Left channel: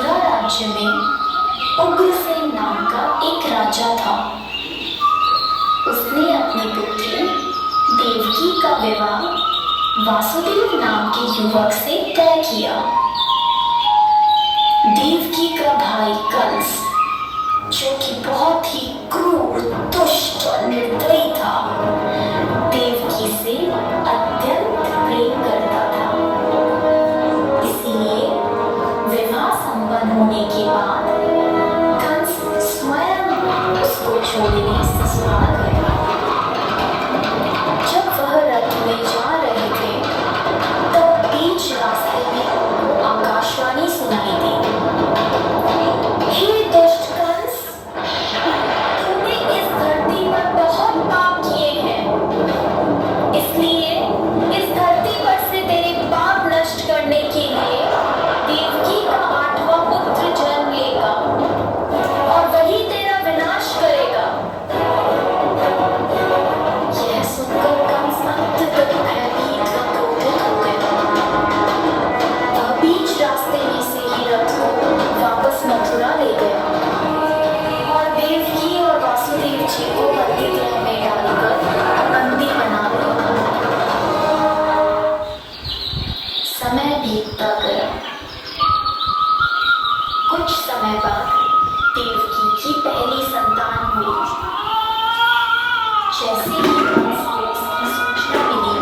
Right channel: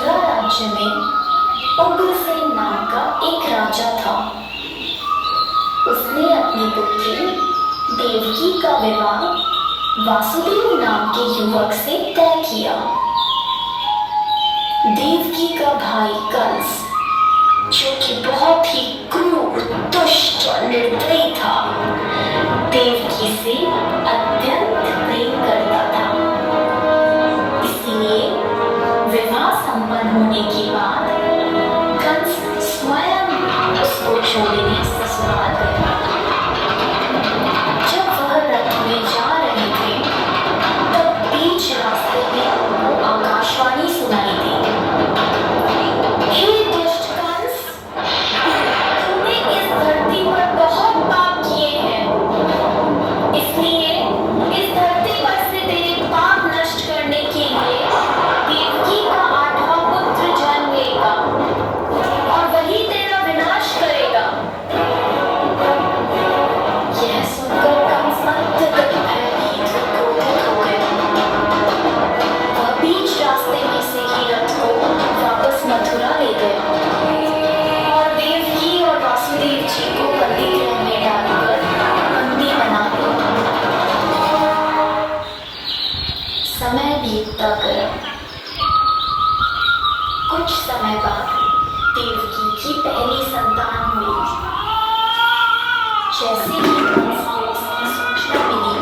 मथुरा राज्य में उग्रसेन नाम का एक राजा था। उसने अपनी पुत्री देवकी का विवाह वासुदेव नाम के युवक से तय किया। देवकी का भाई कंस, जो कि बहुत ही क्रूर, दुष्ट और निर्दयी था, देवकी से अत्यंत प्रेम करता था। इसलिए विवाह संपन्न होने के बाद कंस स्वयं उसको छोड़ने ससुराल गया। जब वह रथ में जा रहे थे, तब बीच रास्ते में उनको आकाशवाणी सुनाई दी। हे दुष्ट कंस, तूने इस धरती पर बहुत पाप किए हैं, इसलिए इस धरती पर से तेरे पाप नष्ट करने के लिए देवकी का 8वां पुत्र जन्म लेगा और वही तेरा विनाश करेगा। यह सुनकर कंस अत्यधिक भयभीत व क्रोधित हो गया। वह बीच रास्ते में से ही रथ को वापस मथुरा ले गया और देवकी और वासुदेव जी को बंदी गृह में डालकर बंदी बना दिया। समय बीतता गया। कुछ समय बाद देवकी की पहली संतान हुई। जैसे ही कंस को इसकी सूचना मिली,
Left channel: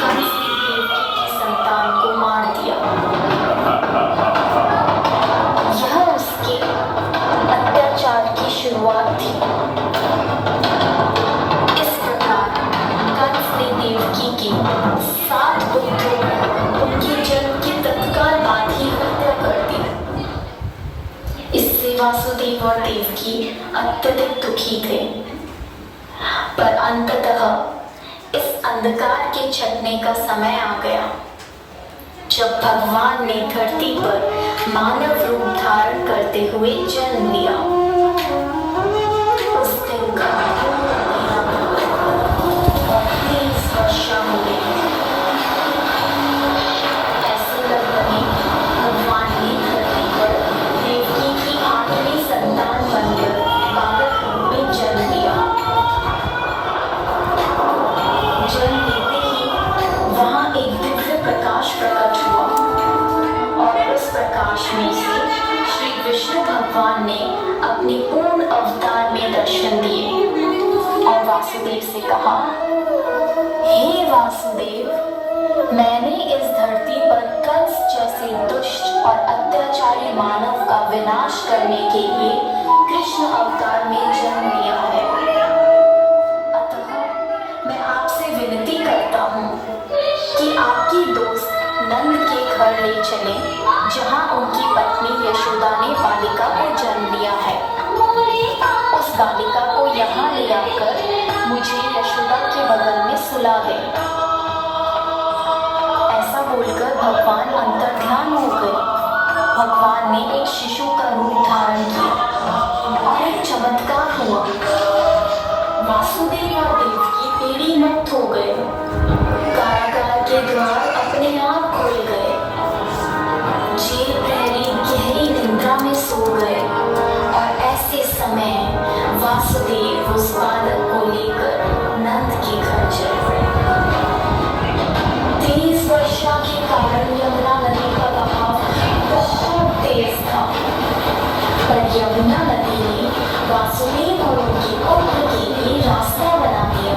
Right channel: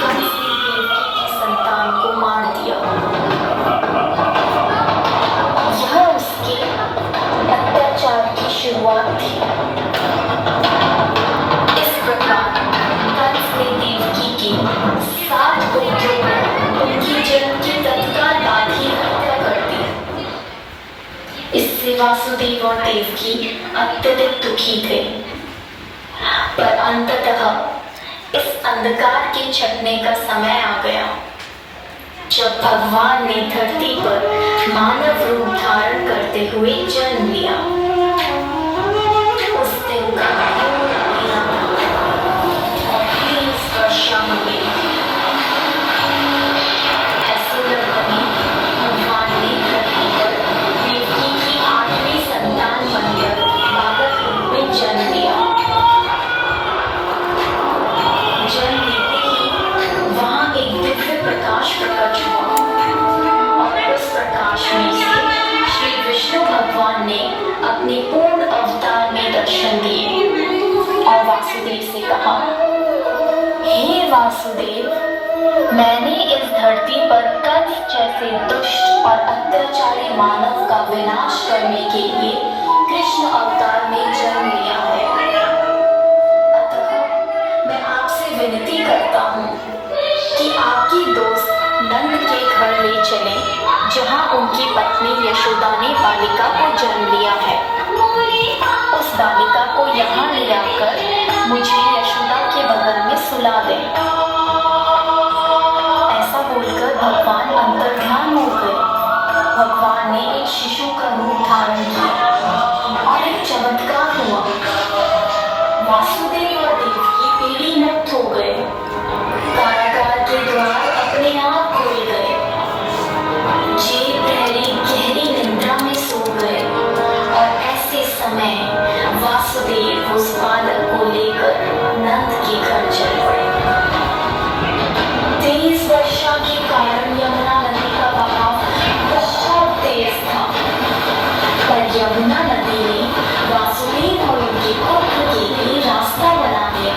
कंस ने देवकी की संतान को मार दिया। यह उसके अत्याचार की शुरुआत थी। इस प्रकार कंस ने देवकी की 7 पुत्रों को उनकी जन्म के तत्काल बाद ही हत्या कर दी। इससे वासुदेव और देवकी अत्यधिक दुखी थे। पर अंततः इस अंधकार के छटने का समय आ गया, जब भगवान ने धरती पर मानव रूप धारण करते हुए जन्म लिया। उस दिन का अंधेरा था और 30 वर्षा हो गई। ऐसे लगभग भगवान ने धरती पर देवकी की 8वीं संतान बनकर बालक रूप में जन्म लिया। जन्म लेते ही वहां एक दिव्य प्रकाश प्रकट हुआ और उस प्रकाश में से श्री विष्णु भगवान ने अपने पूर्ण अवतार में दर्शन दिए और वासुदेव से कहा, हे वासुदेव, मैंने इस धरती पर कंस जैसे दुष्ट और अत्याचारी मानव का विनाश करने के लिए कृष्ण अवतार में जन्म लिया है। मैं आपसे विनती करता हूँ कि आपकी दोस्त नंद के घर ले चलें, जहाँ उनकी पत्नी यशोदा ने बालिका को जन्म लिया है। उस बालिका को यहाँ ले आकर मुझे यशोदा के बगल में सुला दें। ऐसा बोलकर भगवान अंतर्ध्यान हो गए। भगवान ने एक शिशु का रूप धारण किया और एक चमत्कार हुआ। वासुदेव और देवकी पीढ़ी मुक्त हो गए। कारागार के द्वार अपने आप खुल गए। जेल प्रहरी गहरी निद्रा में सो गए और ऐसे समय वासुदेव उस बालक को लेकर नंद के घर चल पड़े। 30 वर्षा के कारण यमुना नदी का बहाव बहुत तेज था, पर यमुना नदी ने वासुदेव और उनके पुत्र के लिए रास्ता बना दिया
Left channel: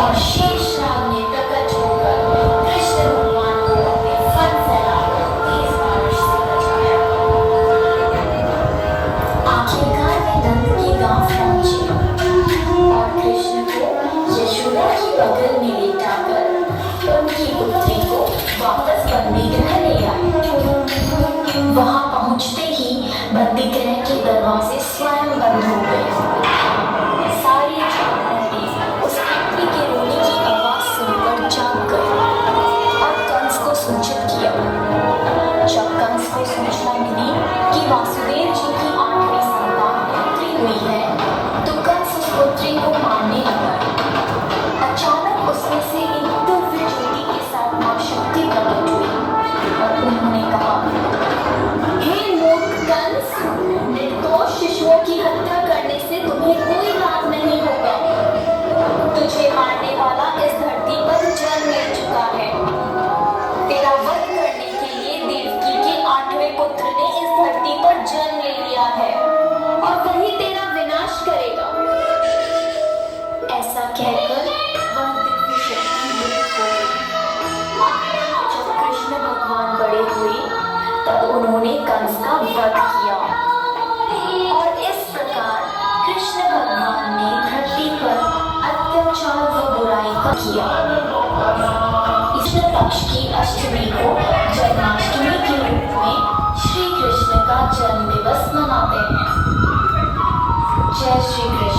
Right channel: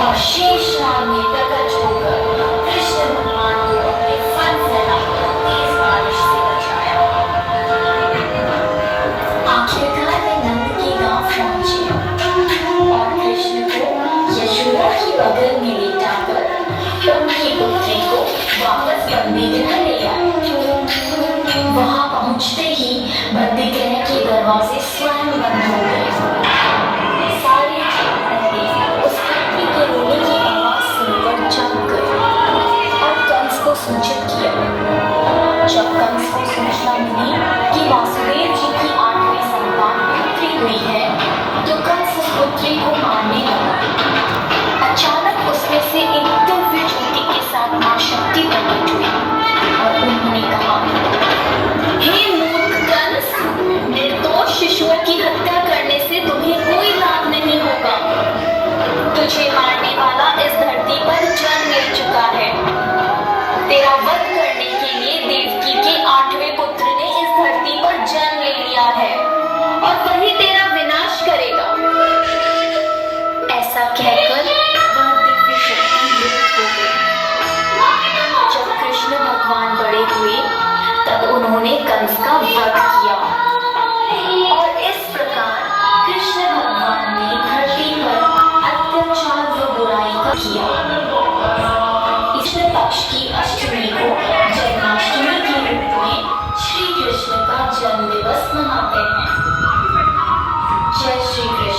और शेषनाग ने प्रकट होकर कृष्ण भगवान को अपने फन फैलाकर तेज बारिश से बचाया। आखिरकार वे नंद के गांव पहुंचे और कृष्ण को यशोदा की बगल में लेटाकर उनकी पुत्री को वापस बंदी गृह ले आए। वहां पहुंचते ही बंदी गृह के दरवाजे स्वयं बंद हो गए। सारे उस पुत्री के रोने की आवाज सुनकर जाग गए और कंस को सूचित किया। जब कंस को सूचना मिली कि वासुदेव जी की 8वीं संतान पुत्री हुई है, तो कंस उस पुत्री को मारने लगा। अचानक उसमें से एक दिव्य ज्योति के साथ मां शक्ति प्रकट हुई और उन्होंने कहा, कहकर वह दिव्य शक्ति लुप्त हो गई। जब कृष्ण भगवान बड़े हुए तब उन्होंने कंस का वध किया और इस प्रकार कृष्ण भगवान ने धरती पर अत्याचार व बुराई का किया। कृष्ण पक्ष की अष्टमी को जन्माष्टमी के रूप में श्री कृष्ण का जन्म दिवस मनाते हैं। जय श्री कृष्ण।